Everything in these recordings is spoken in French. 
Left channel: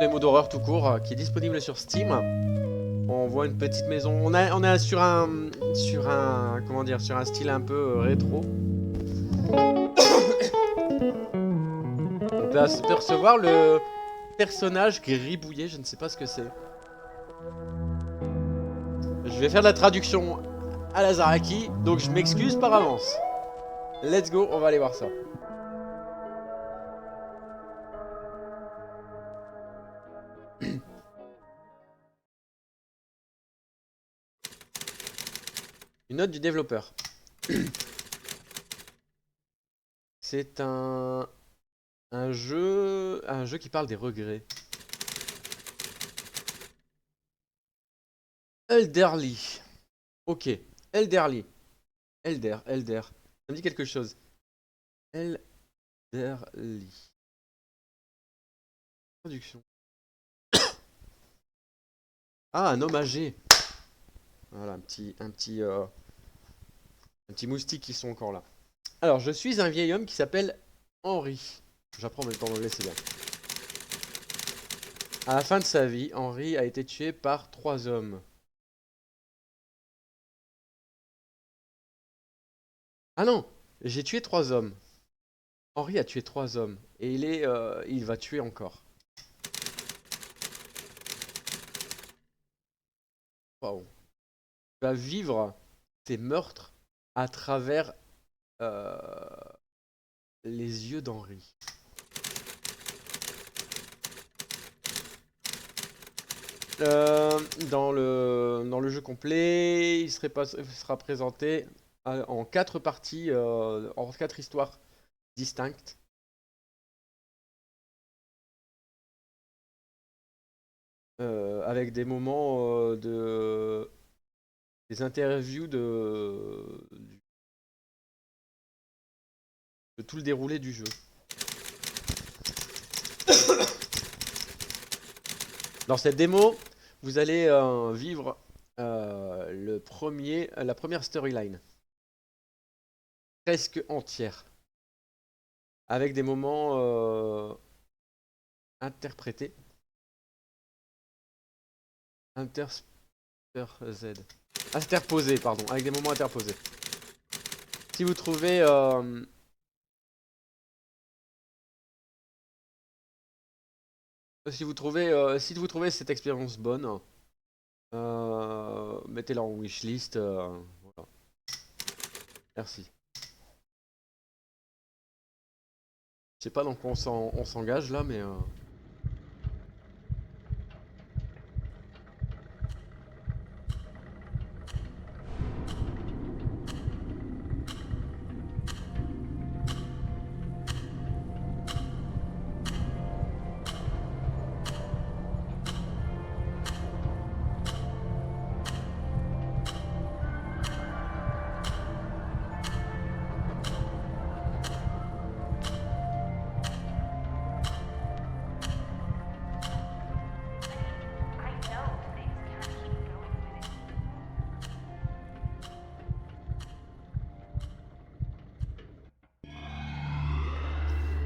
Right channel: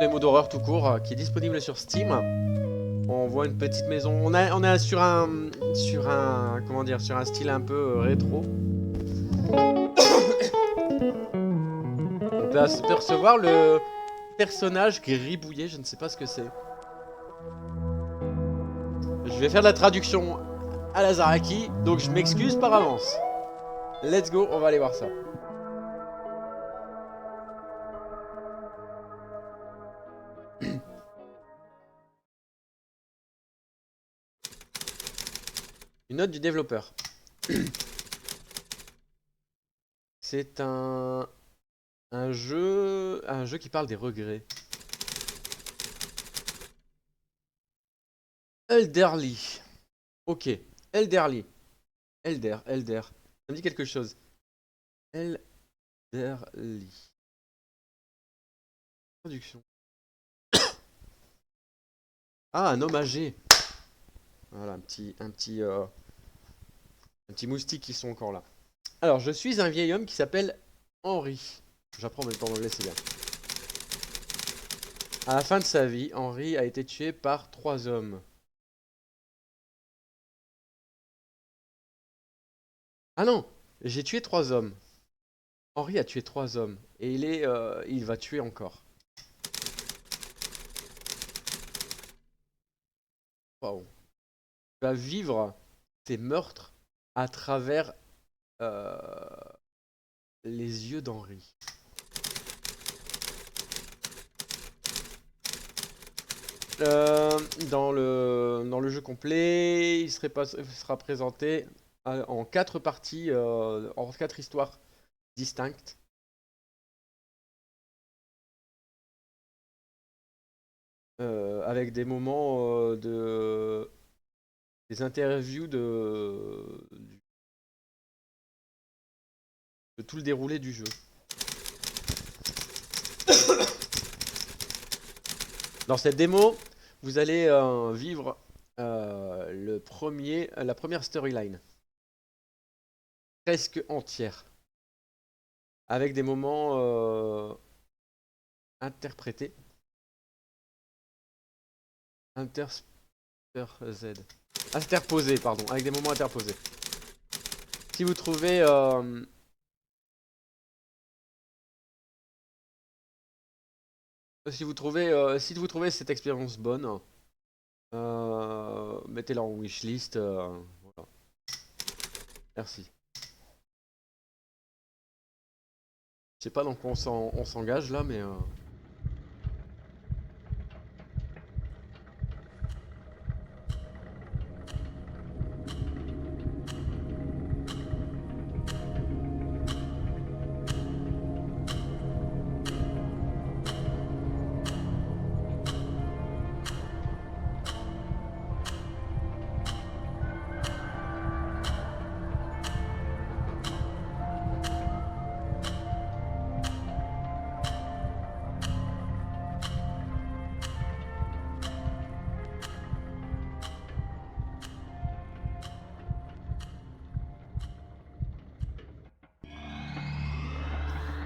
démo d'horreur tout court qui est disponible sur Steam. On voit une petite maison. On est sur un comment dire, sur un style un peu rétro. On peut apercevoir le personnage gribouillé, je ne sais pas ce que c'est. Je vais faire de la traduction à la Zaraki, donc je m'excuse par avance. Let's go, on va aller voir ça. Une note du développeur. C'est un jeu qui parle des regrets. Elderly. Ok, Elderly. Elder. Ça me dit quelque chose. Elderly. Traduction. Ah, un homme âgé. Voilà, un petit moustique qui sont encore là. Alors, je suis un vieil homme qui s'appelle Henry. J'apprends en même temps l'anglais, c'est bien. À la fin de sa vie, Henry a été tué par 3 hommes. Ah non, j'ai tué 3 hommes. Henry a tué 3 hommes. Et il va tuer encore. Waouh. Il va vivre ces meurtres à travers euh, les yeux d'Henry. Dans le jeu complet, il sera présenté en 4 parties, en 4 histoires distinctes. Avec des moments des interviews de tout le déroulé du jeu. Dans cette démo, vous allez vivre la première storyline, presque entière, avec des moments interprétés. Interposés, pardon, avec des moments interposés. Si vous trouvez si vous trouvez cette expérience bonne, mettez-la en wishlist. Voilà. Merci. Je sais pas dans quoi on s'engage là, mais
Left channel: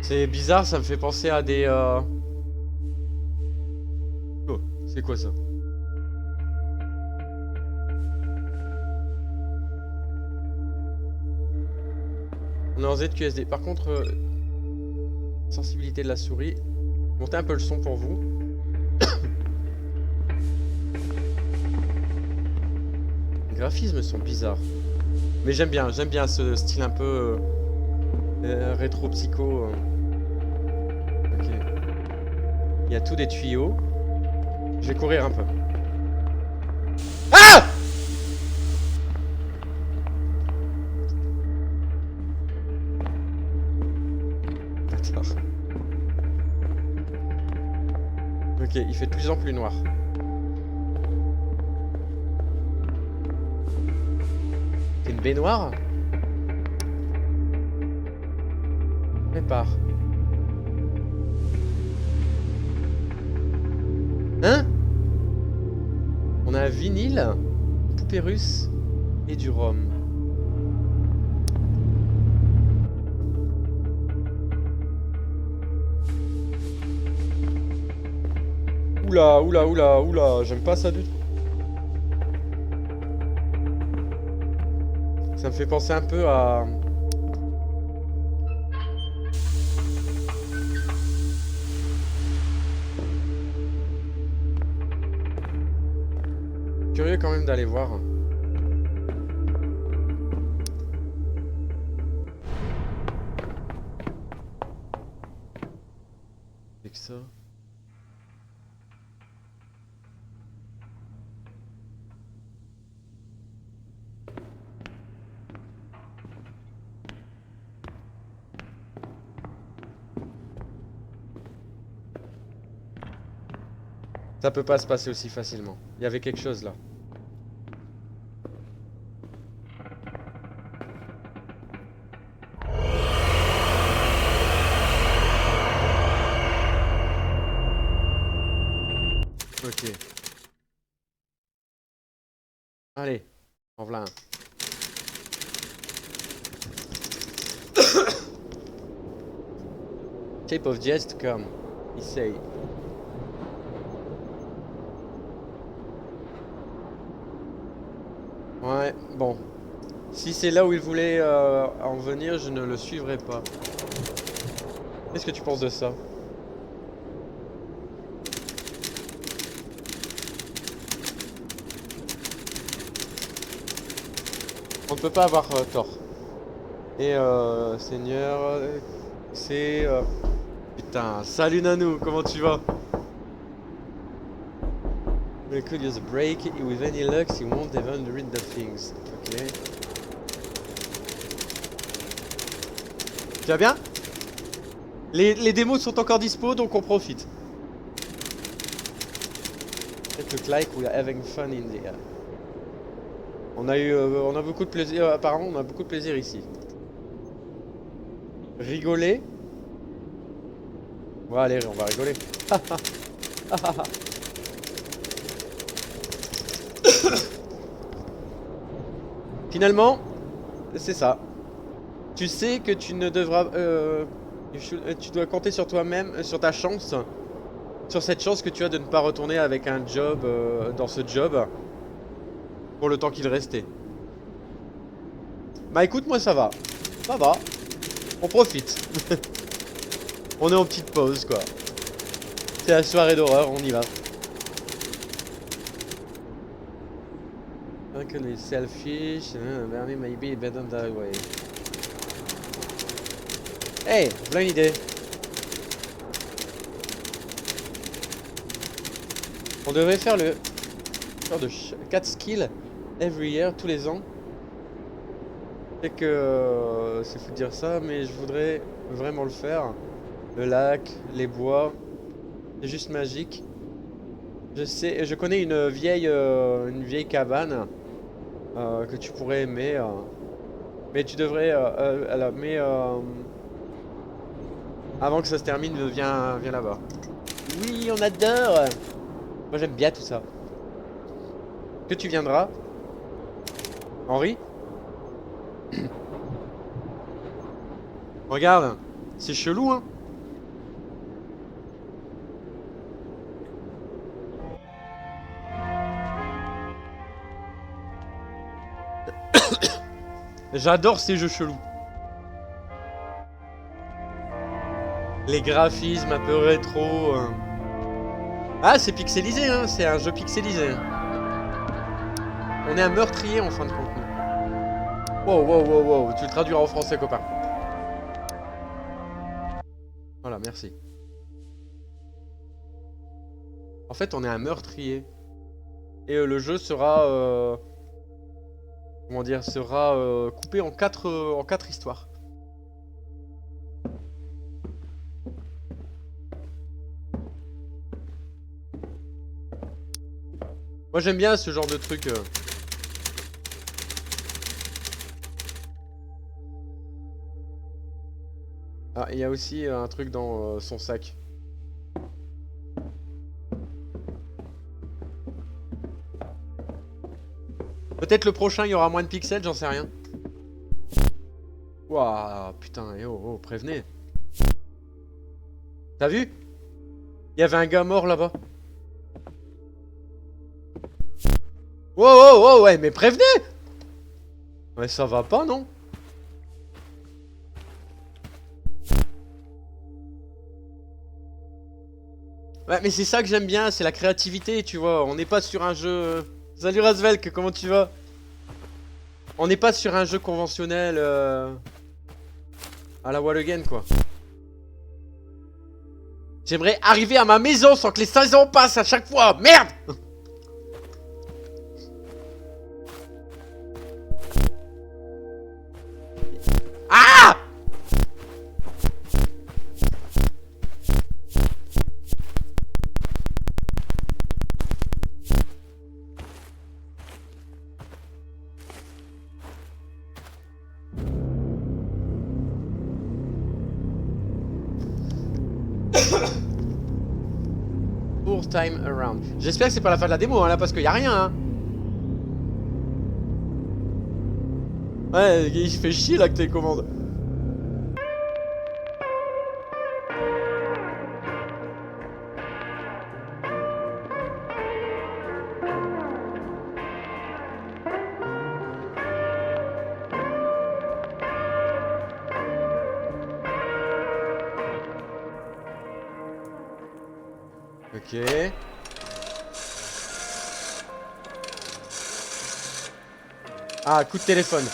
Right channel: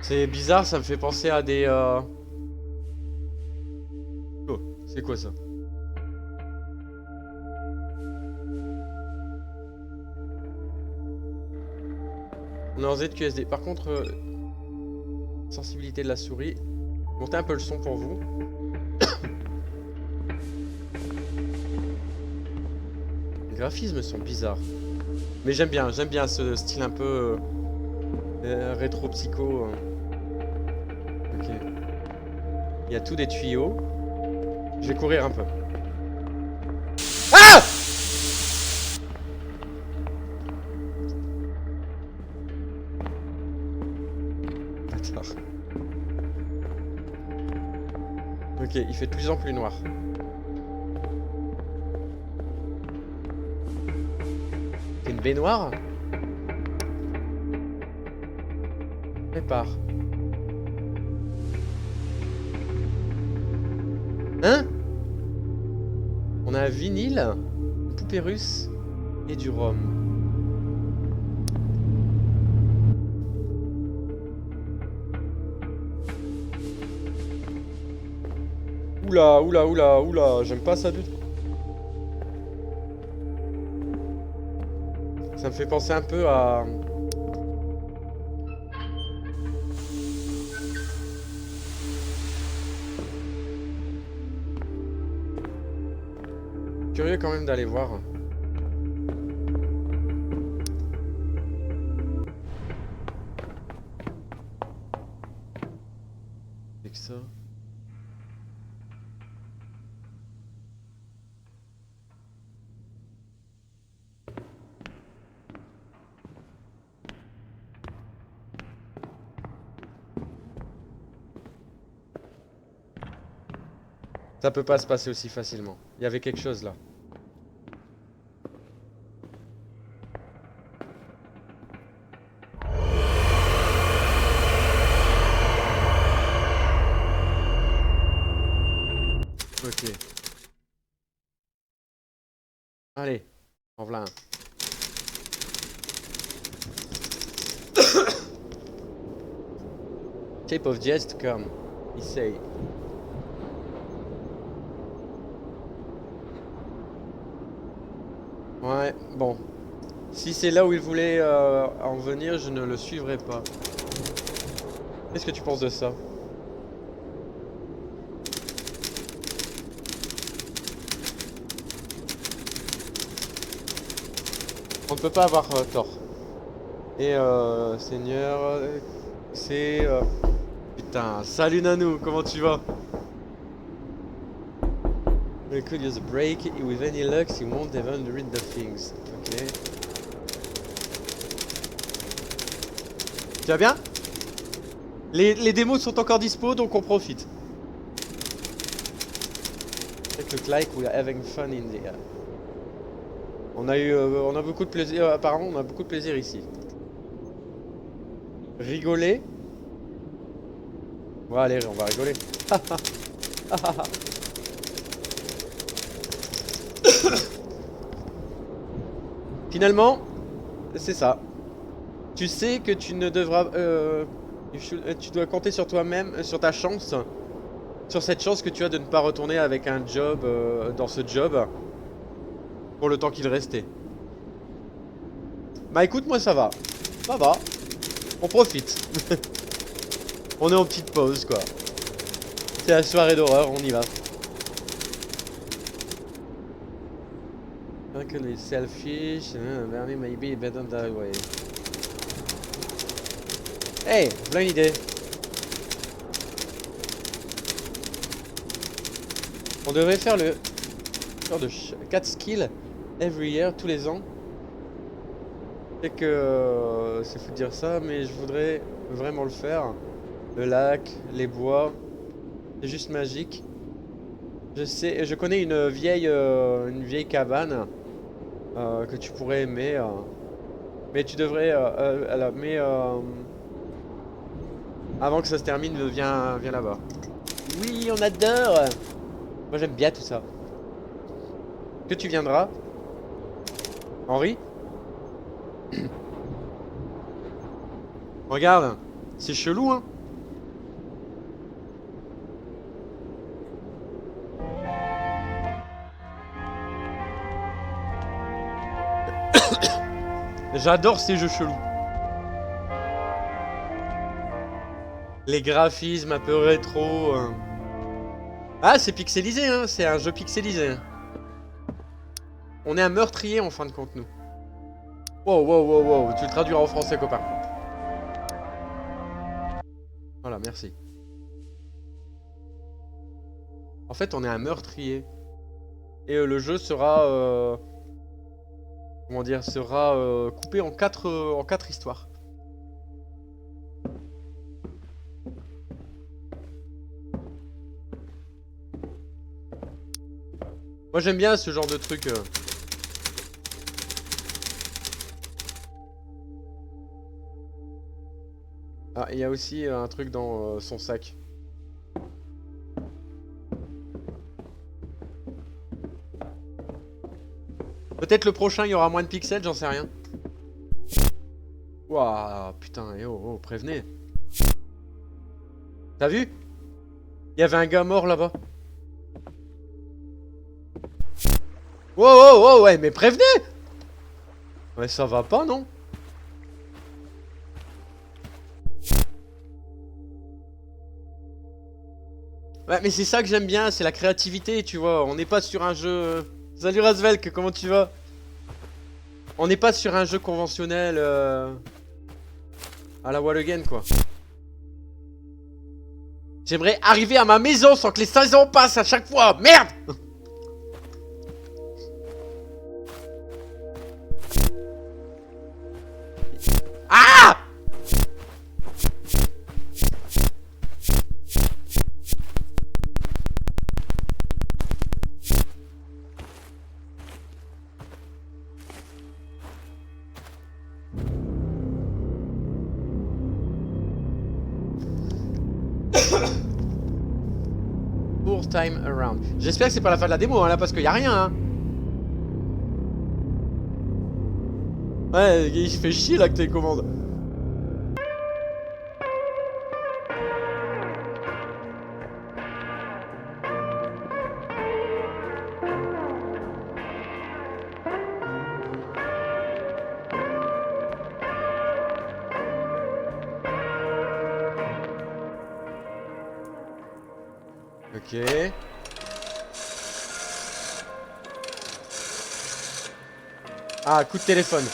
c'est bizarre, ça me fait penser à des... Oh, c'est quoi ça? On est en ZQSD. Par contre, sensibilité de la souris. Montez un peu le son pour vous. Les graphismes sont bizarres. Mais j'aime bien ce style un peu rétro-psycho. Ok. Il y a tout des tuyaux. Je vais courir un peu. Ah! Bâtard. Ok, il fait de plus en plus noir. C'est une baignoire? Prépare. Hein? On a un vinyle, une poupée russe et du rhum. Oula, oula, oula, oula, j'aime pas ça du tout. Ça me fait penser un peu à... Curieux quand même d'aller voir. C'est que ça. Ça peut pas se passer aussi facilement. Il y avait quelque chose là. Ok. Allez, en voilà un. Shape of jest come, he say. Ouais, bon. Si c'est là où il voulait en venir, je ne le suivrai pas. Qu'est-ce que tu penses de ça? On ne peut pas avoir tort. Et Seigneur, c'est... Putain, salut Nanou, comment tu vas? We could use a break. With any luck, he won't even read the things. Ok. Tu vas bien? Les démos sont encore dispo, donc on profite. It look like we are having fun in there. On a beaucoup de plaisir. Apparemment, on a beaucoup de plaisir ici. Rigoler. Ouais, allez, on va rigoler. Finalement, c'est ça. Tu sais que tu ne devras... tu dois compter sur toi-même, sur ta chance. Sur cette chance que tu as de ne pas retourner avec un job dans ce job. Pour le temps qu'il restait. Bah écoute, moi ça va. Ça va. On profite. On est en petite pause quoi. C'est la soirée d'horreur, on y va. Uncle is selfish, Bernie maybe better that way. Hey, voilà une idée. On devrait faire le genre de 4 skills every year, tous les ans. Je sais que c'est fou de dire ça, mais je voudrais vraiment le faire. Le lac, les bois, c'est juste magique. Je connais une vieille cabane que tu pourrais aimer, mais tu devrais, avant que ça se termine, viens là-bas. Oui, on adore. Moi j'aime bien tout ça. Que tu viendras, Henri? Regarde, c'est chelou, hein? J'adore ces jeux chelous. Les graphismes un peu rétro. Ah, c'est pixelisé, hein? C'est un jeu pixelisé. On est un meurtrier en fin de compte, nous. Wow, wow, wow, wow. Tu le traduiras en français, copain. Voilà, merci. En fait, on est un meurtrier. Et le jeu sera... comment dire? Sera coupé en quatre histoires. Moi, j'aime bien ce genre de truc. Ah, il y a aussi un truc dans son sac. Peut-être le prochain, il y aura moins de pixels, j'en sais rien. Waouh, putain, et oh, prévenez. T'as vu? Il y avait un gars mort là-bas. Wow, wow, wow, ouais, mais prévenez! Ouais, ça va pas, non? Ouais, mais c'est ça que j'aime bien, c'est la créativité, tu vois. On n'est pas sur un jeu... Salut Razvelk, comment tu vas? On n'est pas sur un jeu conventionnel à la Wall Again, quoi. J'aimerais arriver à ma maison sans que les 16 ans passent à chaque fois. Merde! Ah! Fourth time around. J'espère que c'est pas la fin de la démo, hein, là, parce qu'il y a rien, hein. Ouais, il se fait chier, là, que tes commandes. Ok. Ah, coup de téléphone.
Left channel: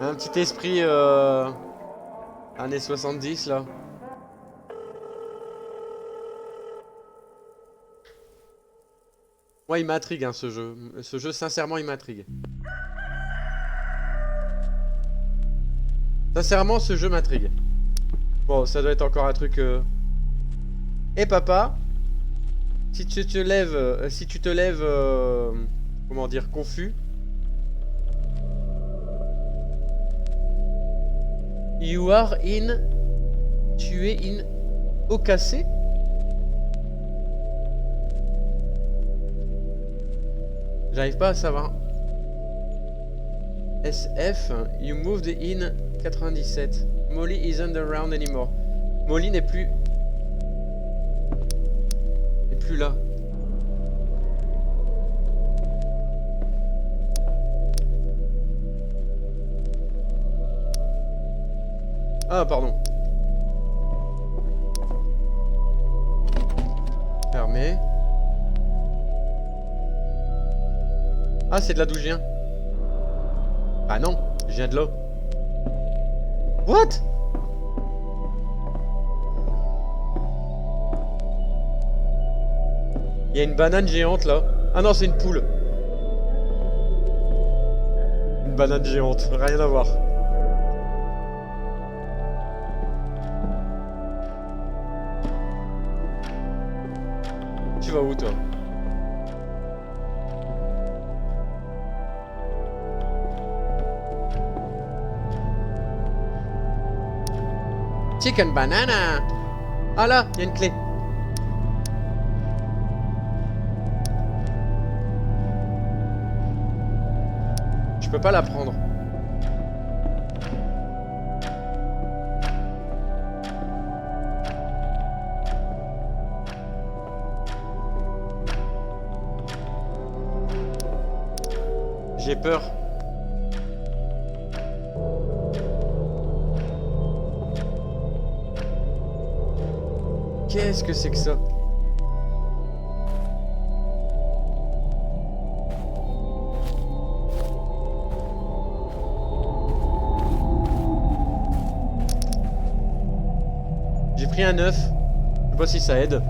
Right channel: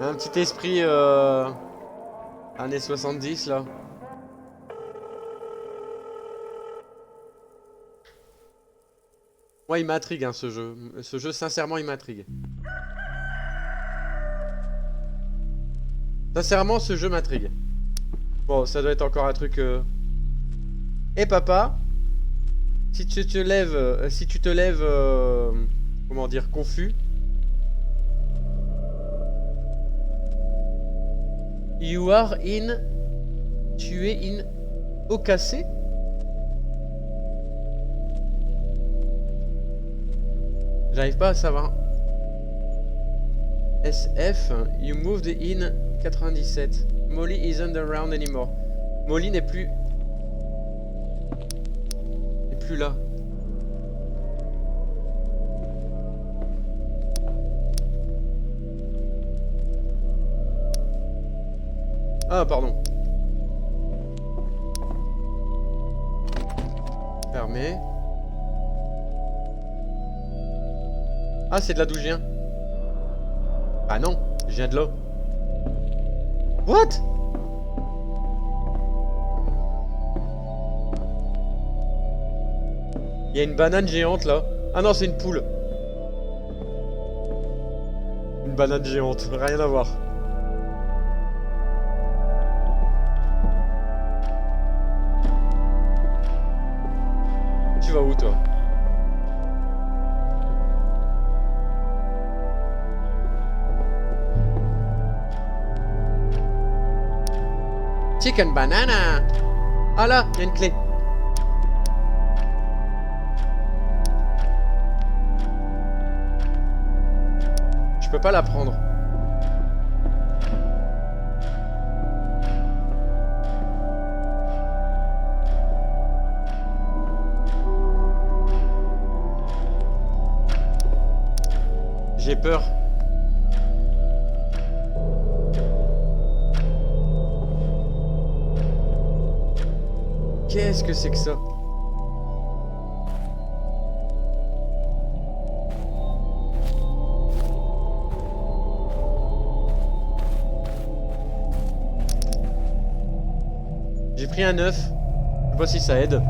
Un petit esprit années 70 là. Ouais, il m'intrigue hein, ce jeu. Ce jeu, sincèrement, il m'intrigue. Sincèrement, ce jeu m'intrigue. Bon, ça doit être encore un truc... Eh papa, si tu te lèves... comment dire, confus... You are in... Tu es in... Au cassé. J'arrive pas à savoir. SF, you moved in 97. Molly isn't around anymore. Molly n'est plus là. Ah, pardon. Fermé. Ah, c'est de là d'où je viens. Ah non, je viens de là. What? Il y a une banane géante là. Ah non, c'est une poule. Une banane géante, rien à voir. Tu vas où toi? Chicken banana. Ah là, il y a une clé. Je peux pas la prendre. J'ai peur. Qu'est-ce que c'est que ça? J'ai pris un œuf. Je sais pas si ça aide.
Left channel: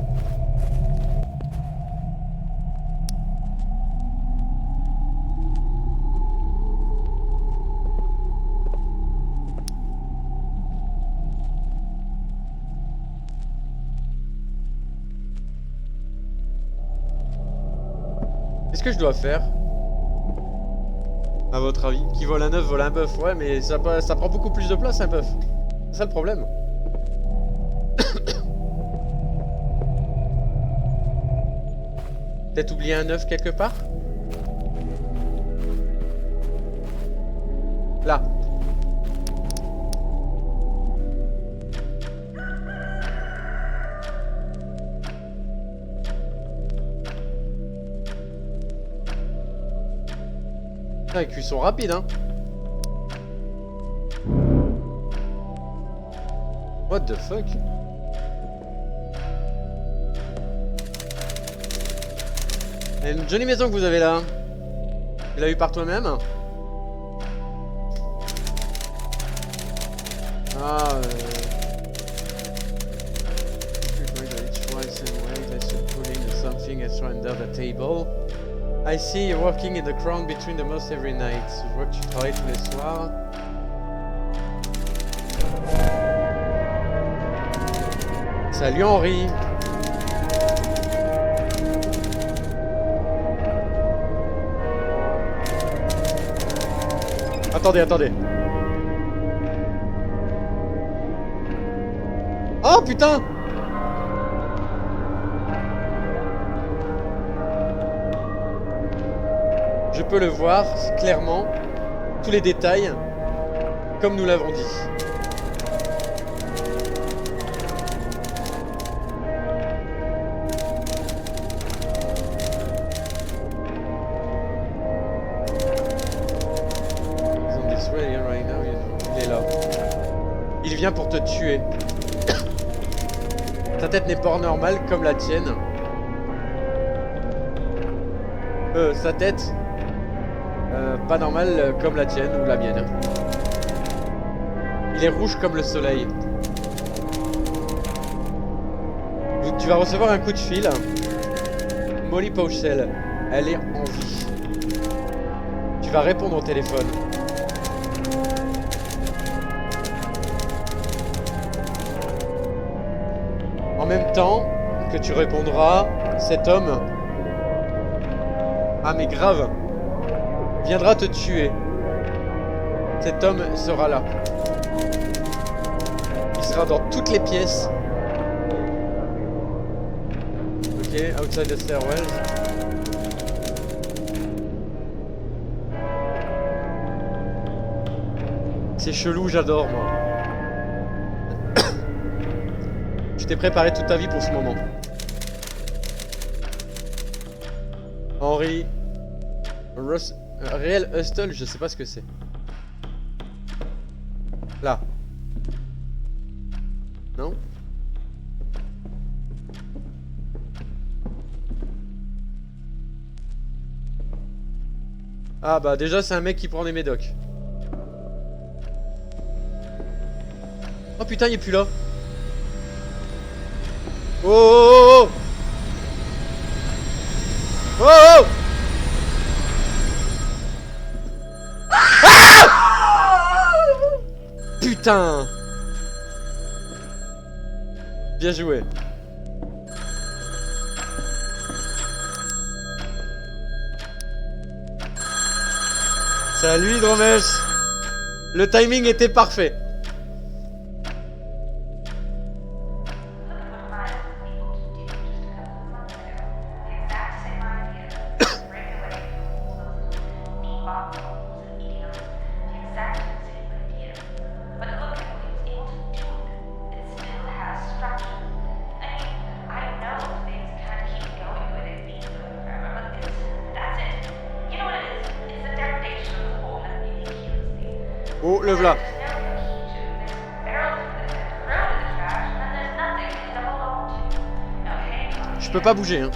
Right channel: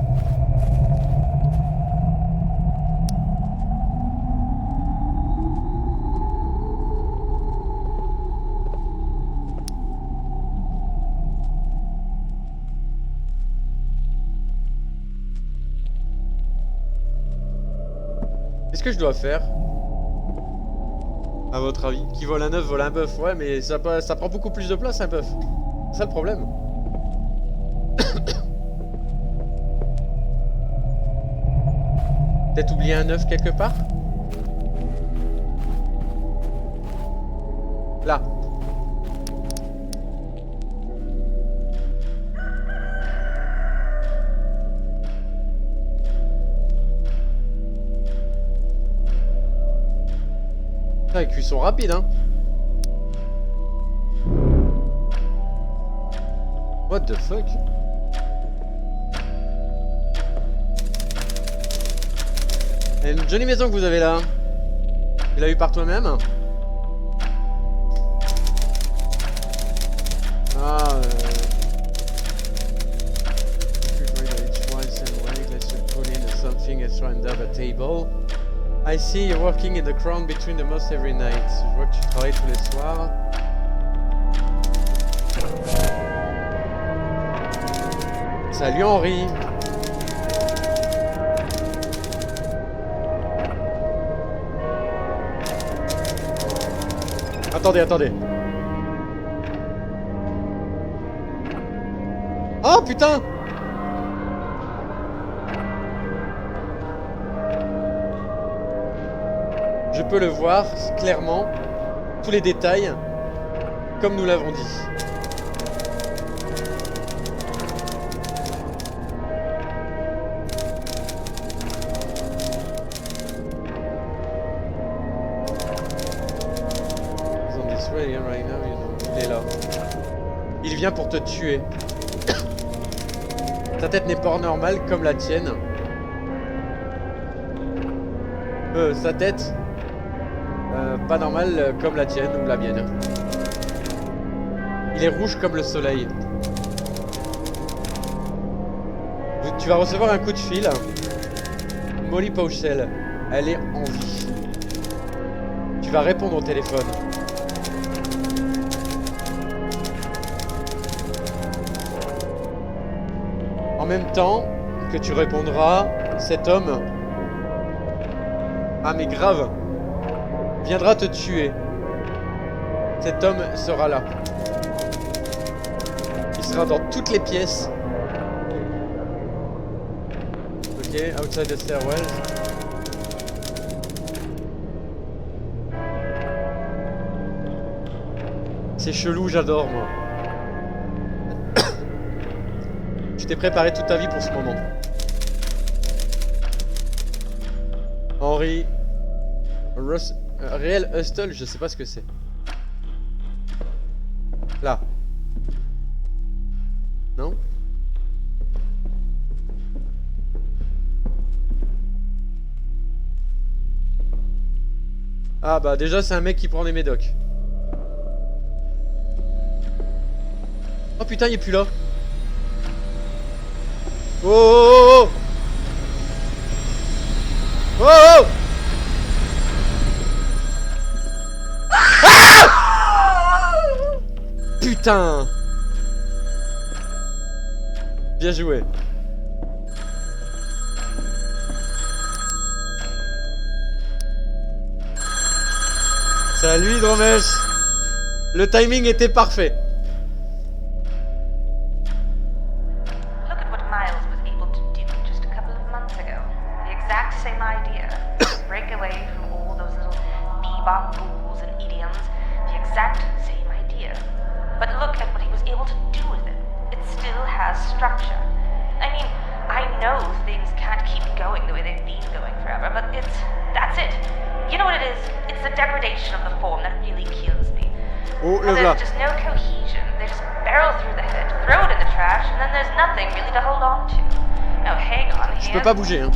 Qu'est-ce que je dois faire? À votre avis? Qui vole un œuf vole un bœuf. Ouais, mais ça prend beaucoup plus de place un bœuf. C'est ça le problème. Peut-être oublier un œuf quelque part? Là. Ah, les cuissons rapides, hein. What the fuck? Et une jolie maison que vous avez là. Tu l'as eu par toi-même? Ah, let's put in something extra under the table. I see you're working in the crown between the most every night. Je vois que tu travailles tous les soirs. Salut Henri. Attendez, attendez. Oh putain! Je peux le voir clairement, tous les détails, comme nous l'avons dit. Il est là. Il vient pour te tuer. Ta tête n'est pas normale comme la tienne. Sa tête pas normale comme la tienne ou la mienne. Il est rouge comme le soleil. Tu vas recevoir un coup de fil. Molly Pauchel, elle est en vie. Tu vas répondre au téléphone. En même temps que tu répondras, cet homme, ah mais grave, viendra te tuer. Cet homme sera là. Il sera dans toutes les pièces. Ok, outside the stairwell. C'est chelou, j'adore moi. Tu t'es préparé toute ta vie pour ce moment. Henry Réel Hustle, je sais pas ce que c'est. Là. Non? Ah bah déjà c'est un mec qui prend des médocs. Oh putain il est plus là. Oh oh oh oh oh, oh. Ah putain. Bien joué. Salut Hydromesh. Le timing était parfait. Oh, le voilà. Je peux pas bouger, hein.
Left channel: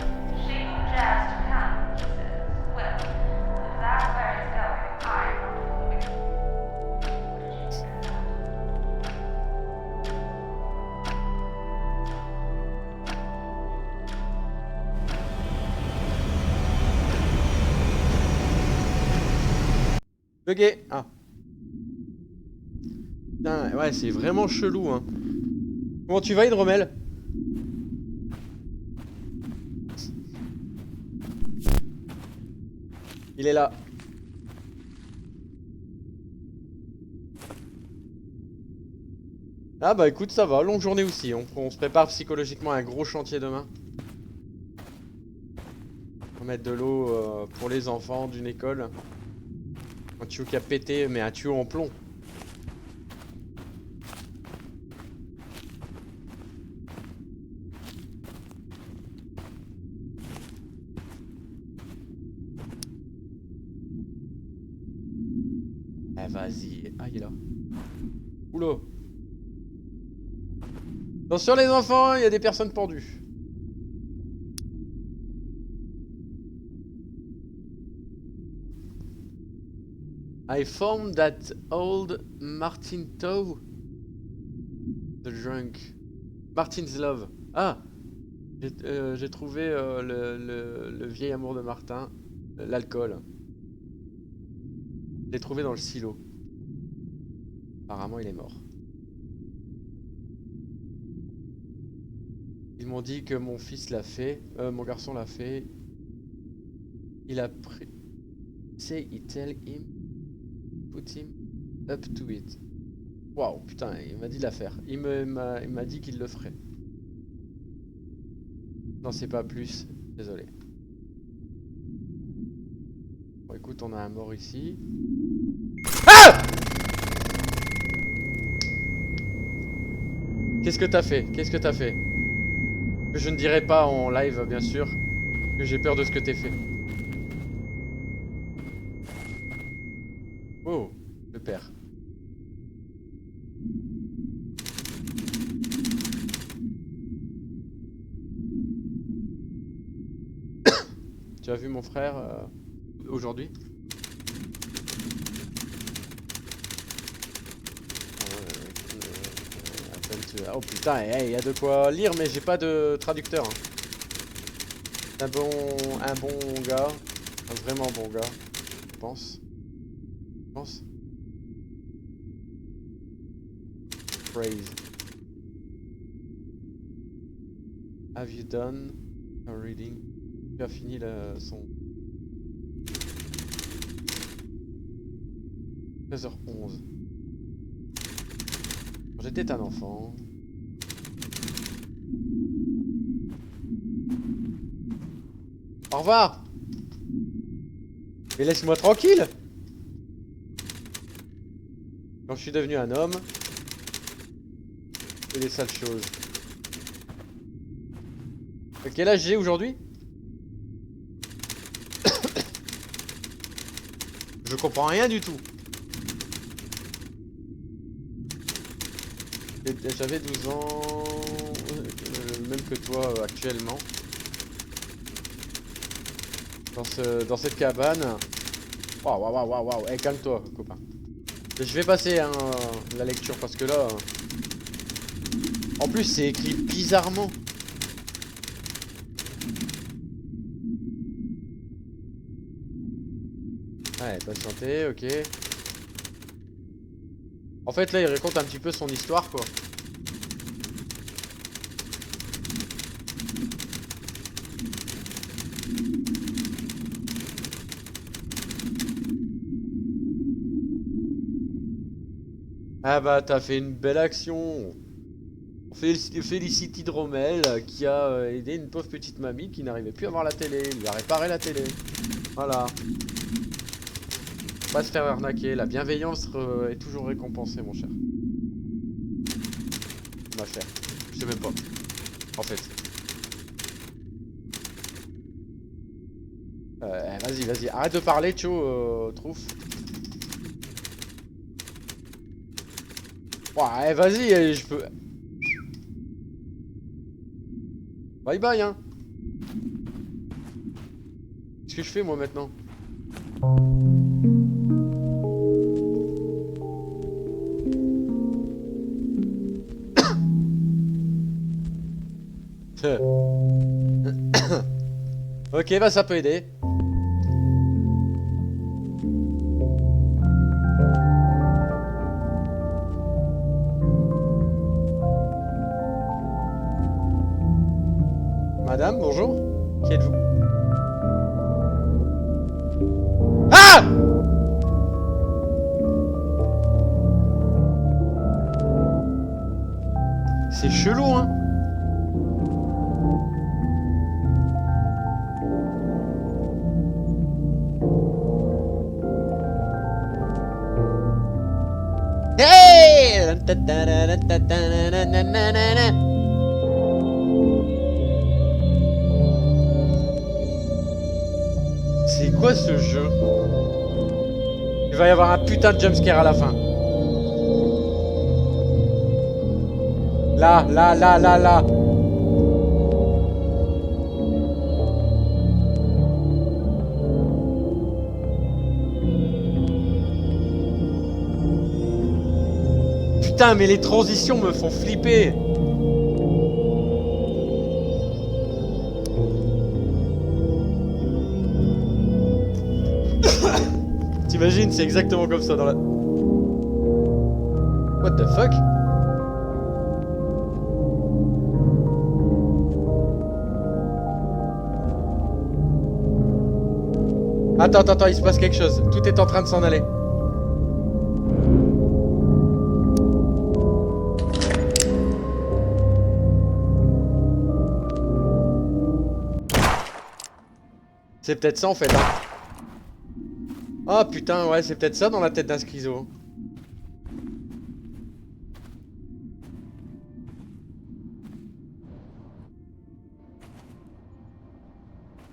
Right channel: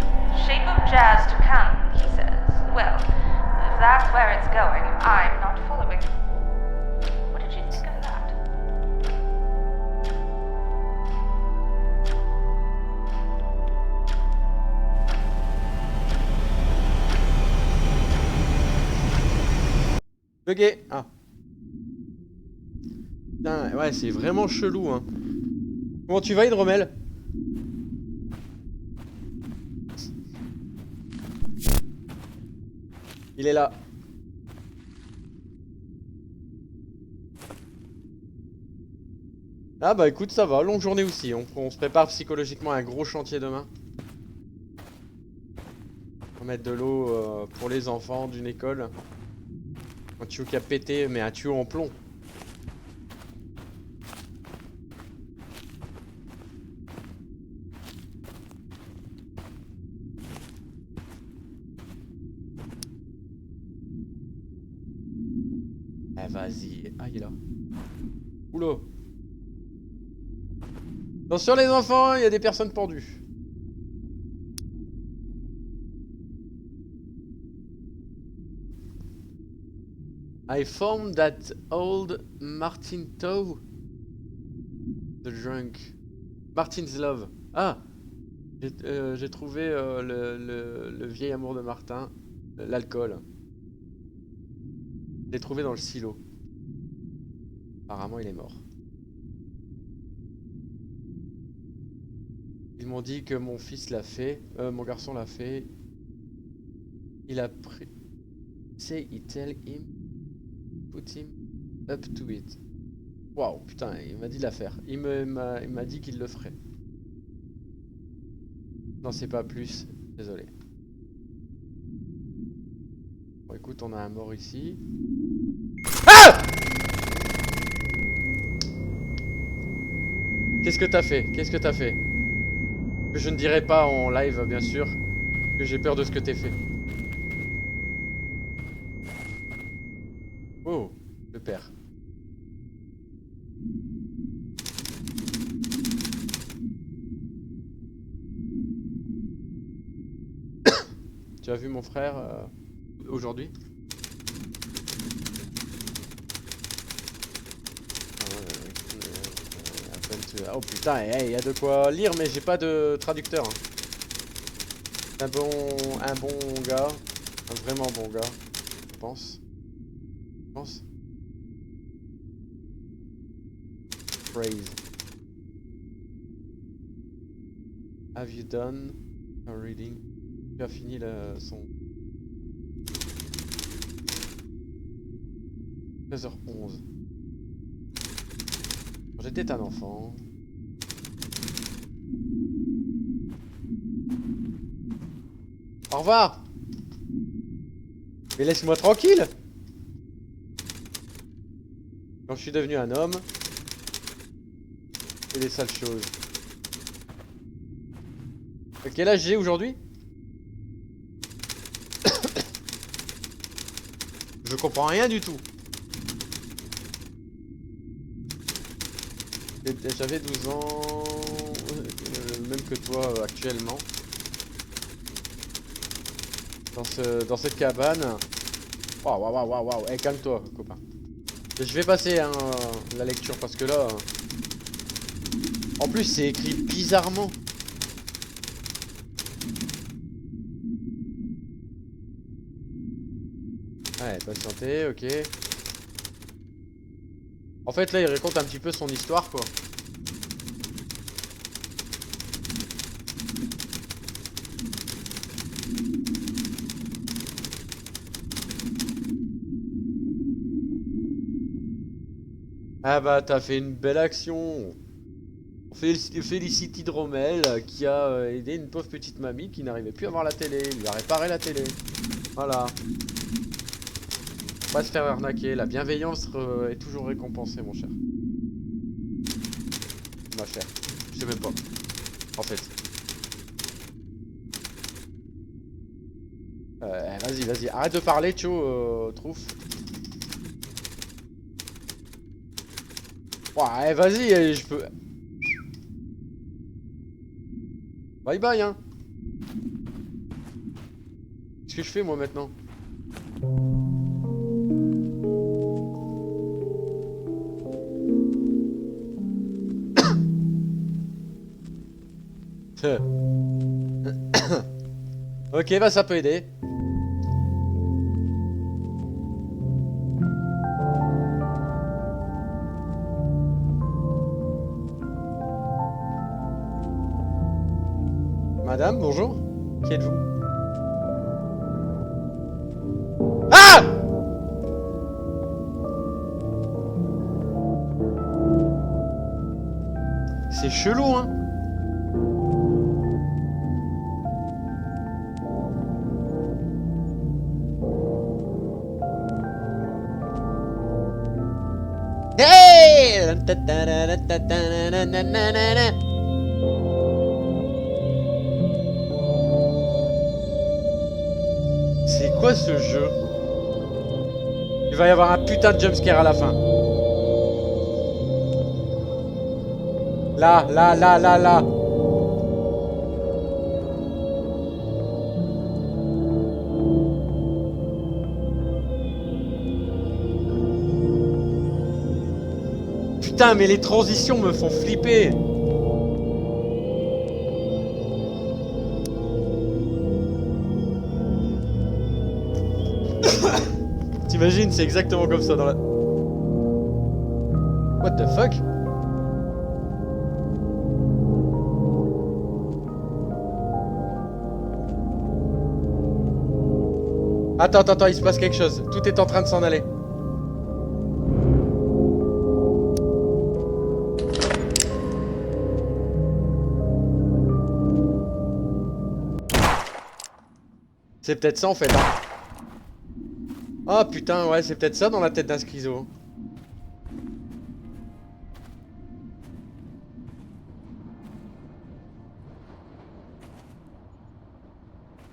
Bugué. Ah. Putain, ouais, c'est vraiment chelou, hein. Comment tu vas, Hydromel? Il est là. Ah bah écoute, ça va, longue journée aussi. On se prépare psychologiquement à un gros chantier demain. On va mettre de l'eau pour les enfants d'une école. Un tuyau qui a pété, mais un tuyau en plomb. Eh vas-y. Ah il est là. Oula. Attention les enfants, il y a des personnes pendues. I found that old Martin Tow. The drunk. Martin's Love. Ah, j'ai trouvé le vieil amour de Martin. L'alcool. Je l'ai trouvé dans le silo. Apparemment il est mort. Ils m'ont dit que mon fils l'a fait. Mon garçon l'a fait. Il a pris... Say it, tell him. Put him up to it. Waouh, putain, il m'a dit de la faire. Il m'a dit qu'il le ferait. Non, c'est pas plus. Désolé. Bon, écoute, on a un mort ici. Ah! Qu'est-ce que t'as fait? Qu'est-ce que t'as fait? Que je ne dirai pas en live, bien sûr. Que j'ai peur de ce que t'es fait. Oh, le père. Tu as vu mon frère aujourd'hui? Oh putain, il y a de quoi lire, mais j'ai pas de traducteur. Hein. Un bon gars, un vraiment bon gars, je pense. Je pense. Phrase. Have you done a reading? Tu as fini son 13h11. Quand j'étais un enfant. Au revoir. Mais laisse-moi tranquille. Quand je suis devenu un homme, c'est des sales choses. Quel âge j'ai aujourd'hui? Je comprends rien du tout. J'avais 12 ans, même que toi actuellement. Dans cette cabane. Waouh, waouh, waouh, waouh. Eh, calme-toi, copain. Je vais passer hein, la lecture parce que là... En plus, c'est écrit bizarrement. Ouais, patientez, ok. En fait, là, il raconte un petit peu son histoire, quoi. Ah bah, t'as fait une belle action. On félicite Hydromel qui a aidé une pauvre petite mamie qui n'arrivait plus à voir la télé. Il lui a réparé la télé. Voilà. Faut pas se faire arnaquer. La bienveillance est toujours récompensée, mon cher. Ma chère. Je sais même pas. En fait. Vas-y, vas-y. Arrête de parler, Tcho, Trouf. Ouais, vas-y, je peux... Bye bye, hein. Qu'est-ce que je fais, moi, maintenant? Ok, bah ça peut aider. Madame, bonjour. Qui êtes-vous? Ah! C'est chelou, hein. C'est quoi ce jeu? Il va y avoir un putain de jumpscare à la fin. Là, là, là, là, là. Putain, mais les transitions me font flipper. T'imagines, c'est exactement comme ça dans la... What the fuck? Attends, attends, attends, il se passe quelque chose. Tout est en train de s'en aller. C'est peut-être ça en fait, hein. Oh putain, ouais, c'est peut-être ça dans la tête d'un schizo.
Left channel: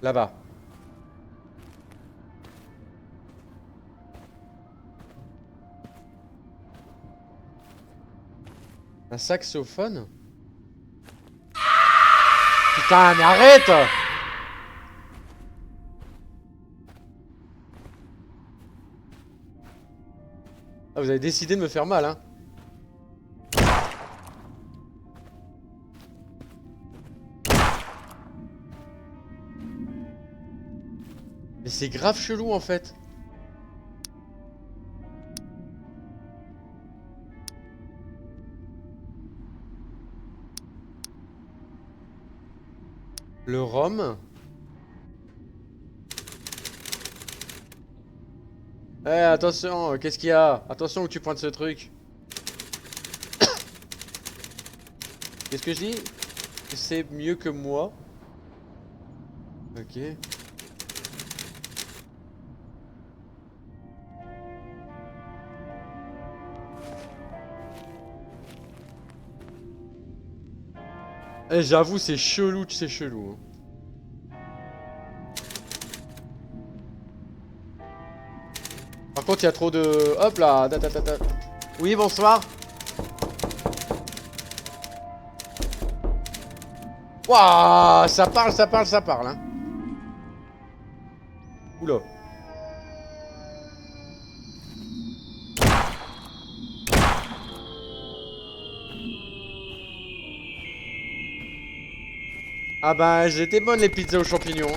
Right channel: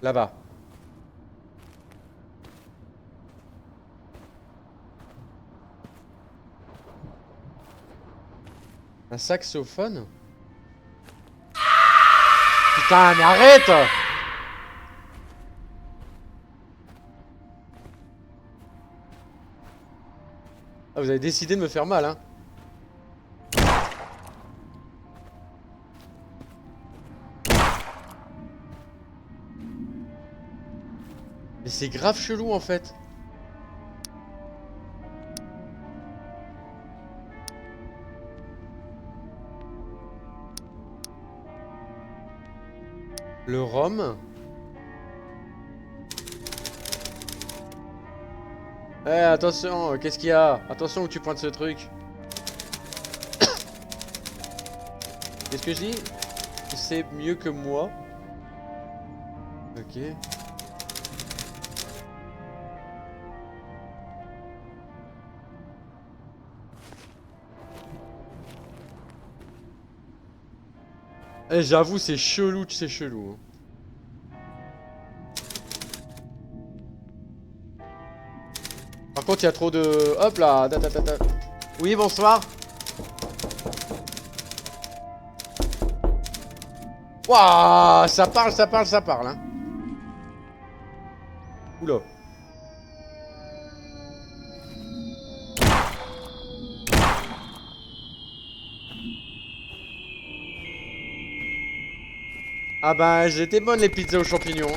Là-bas. Un saxophone? Putain, mais arrête! Ah, vous avez décidé de me faire mal, hein. Mais c'est grave chelou en fait. Le rhum. Eh, attention, qu'est-ce qu'il y a? Attention où tu pointes ce truc. Qu'est-ce que je dis? C'est mieux que moi. Ok. Eh, j'avoue, c'est chelou, c'est chelou. Par contre, il y a trop de... Hop là, Oui, bonsoir. Waouh, ça parle, ça parle, ça parle, hein. Oula. Ah bah, j'étais bonne les pizzas aux champignons.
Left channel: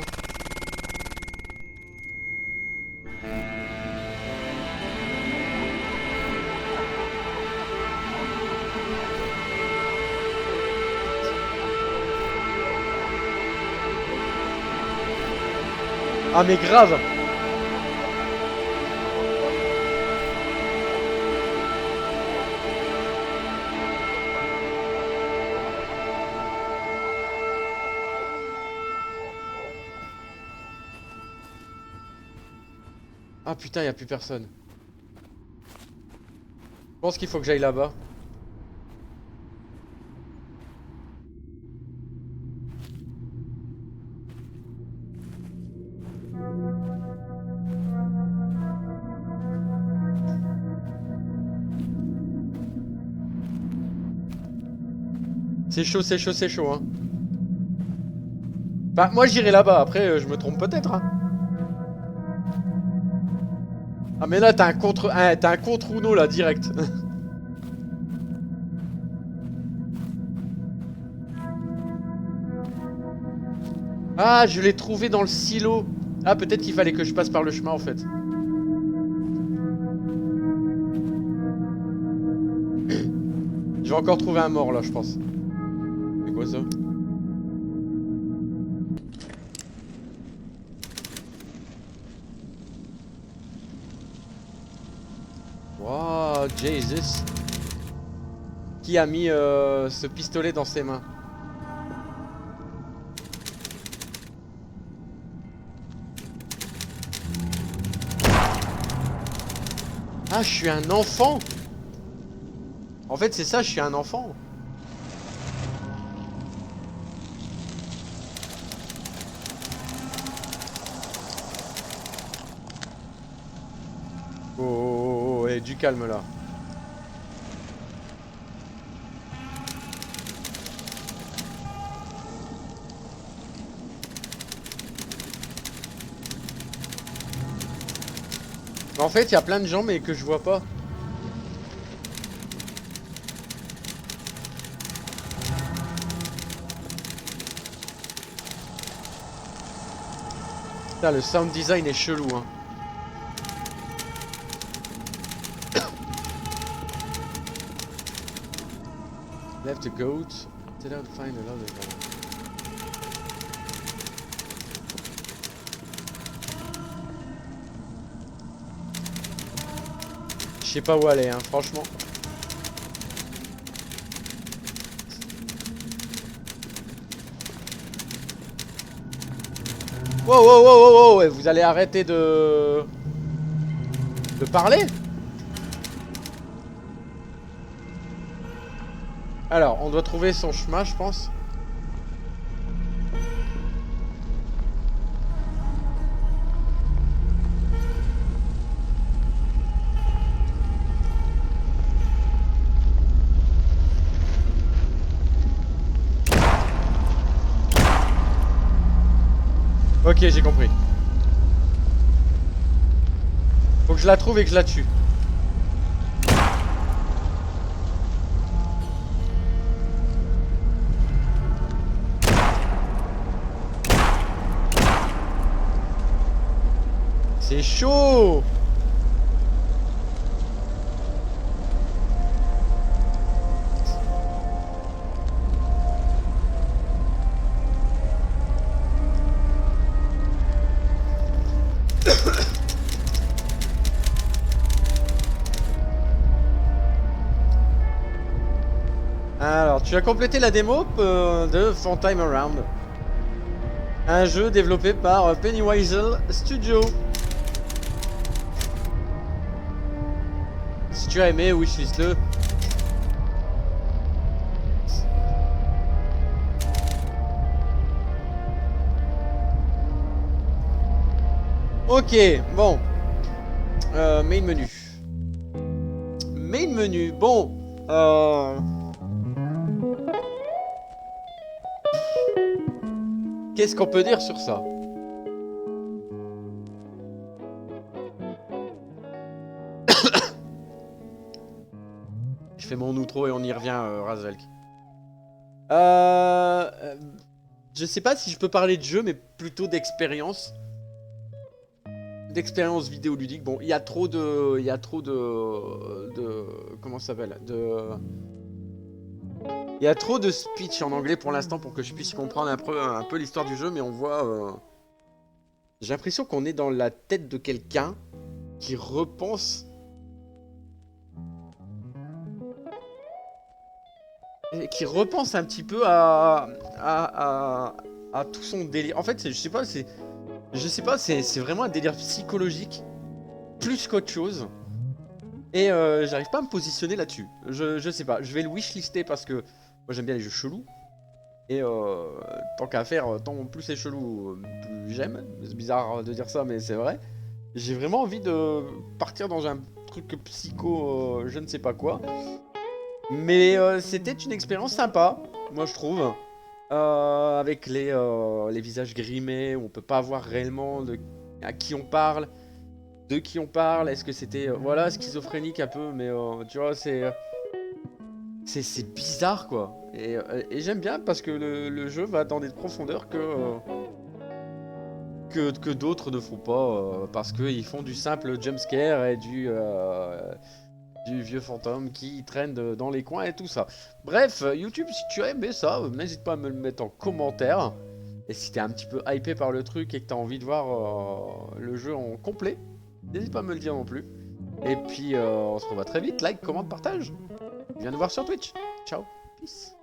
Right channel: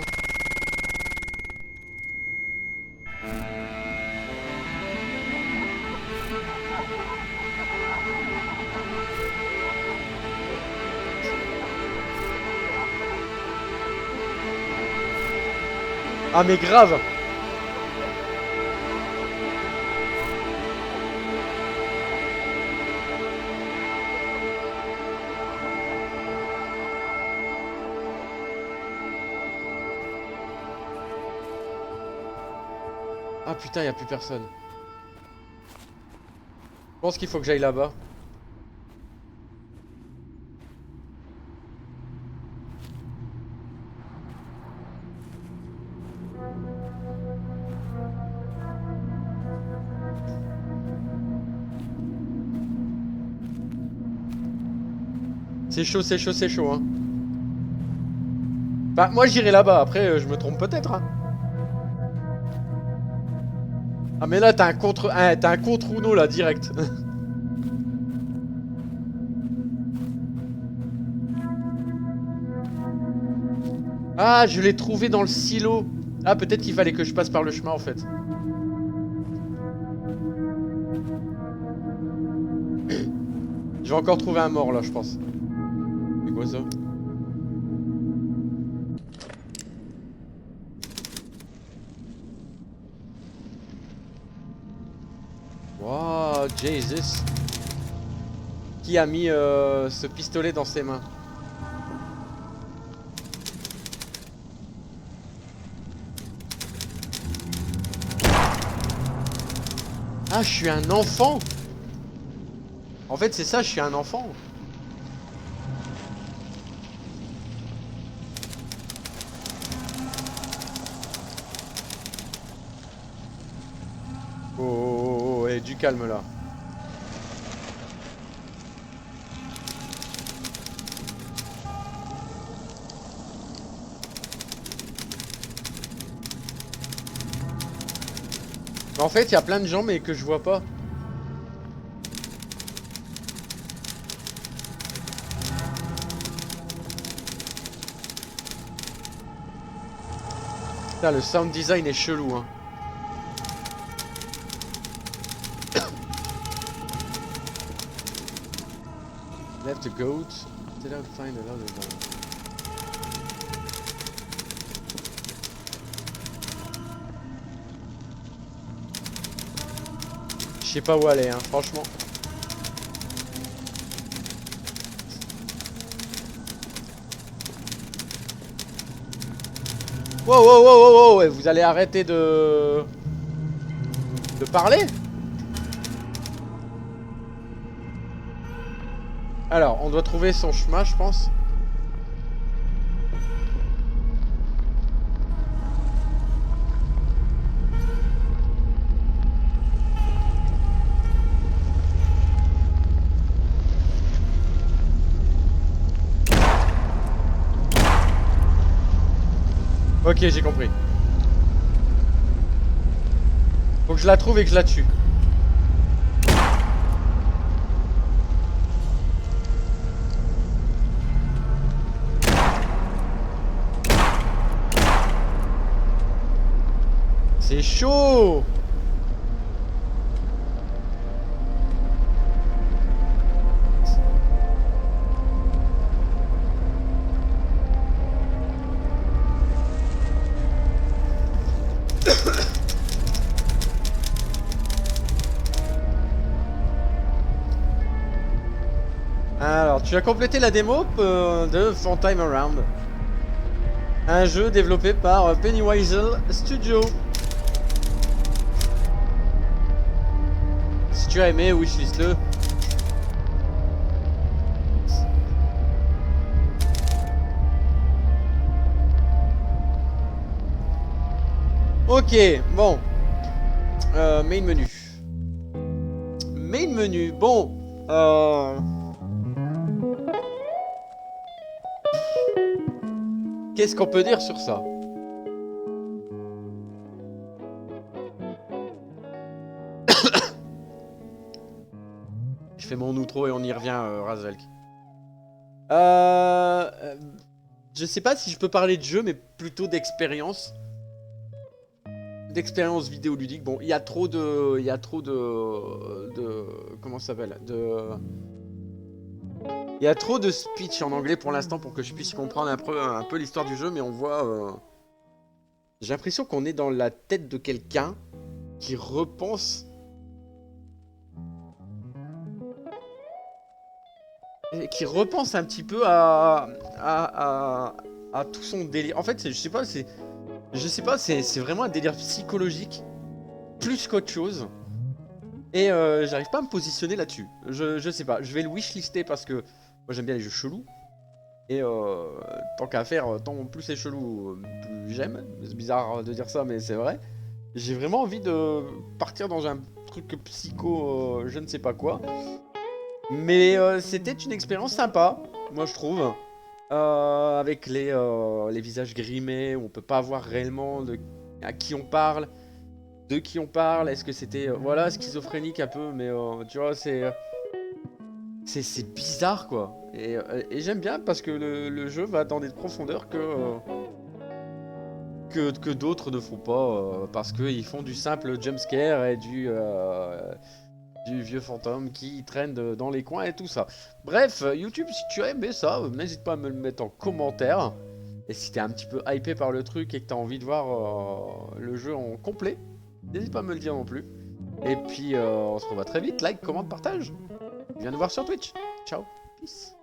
Ah mais grave. Ah putain, y a plus personne. Je pense qu'il faut que j'aille là-bas. C'est chaud, c'est chaud, c'est chaud, hein. Bah, moi j'irai là-bas, après je me trompe peut-être, hein. Ah mais là t'as un contre... Ah, t'as un contre Uno là, direct. Ah, je l'ai trouvé dans le silo. Ah, peut-être qu'il fallait que je passe par le chemin en fait. Je vais encore trouver un mort là, je pense. C'est quoi ça? Wow, Jesus. Qui a mis ce pistolet dans ses mains? Ah, je suis un enfant? En fait, c'est ça, je suis un enfant. Oh, oh, oh, oh, et du calme là. En fait, il y a plein de gens, mais que je vois pas. Putain, le sound design est chelou, hein. Left a goat. Set out to find a lot of... Je sais pas où aller, hein, franchement. Wow, wow, wow, wow, wow, vous allez arrêter de parler? Alors, on doit trouver son chemin, je pense. Ok, j'ai compris. Faut que je la trouve et que je la tue. C'est chaud! Alors, tu as complété la démo de Fun Time Around. Un jeu développé par Pennywise Studio. Si tu as aimé, wishlist-le. Ok, bon. Main menu. Main menu, bon. Qu'est-ce qu'on peut dire sur ça? Je fais mon outro et on y revient, Razvelk. Je sais pas si je peux parler de jeu, mais plutôt d'expérience. D'expérience vidéoludique. Bon, il y a trop de... comment ça s'appelle? Il y a trop de speech en anglais pour l'instant pour que je puisse comprendre un peu l'histoire du jeu, mais on voit... J'ai l'impression qu'on est dans la tête de quelqu'un qui repense... Qui repense un petit peu à tout son délire. En fait, je sais pas, c'est vraiment un délire psychologique, plus qu'autre chose. Et j'arrive pas à me positionner là-dessus. Je sais pas, je vais le wishlister parce que moi j'aime bien les jeux chelous. Et tant qu'à faire, tant plus c'est chelou, plus j'aime. C'est bizarre de dire ça, mais c'est vrai. J'ai vraiment envie de partir dans un truc psycho, je ne sais pas quoi. Mais c'était une expérience sympa, moi je trouve. Avec les visages grimés, où on peut pas voir réellement à qui on parle, de qui on parle. Est-ce que c'était voilà, schizophrénique un peu, mais tu vois, c'est bizarre quoi. Et j'aime bien parce que le jeu va dans des profondeurs que d'autres ne font pas, parce qu'ils font du simple jumpscare et du vieux fantôme qui traîne dans les coins et tout ça. Bref, YouTube, si tu as aimé ça, n'hésite pas à me le mettre en commentaire. Et si t'es un petit peu hypé par le truc et que t'as envie de voir le jeu en complet, n'hésite pas à me le dire non plus. Et puis, on se revoit très vite. Like, commente, partage. Viens nous voir sur Twitch. Ciao, peace.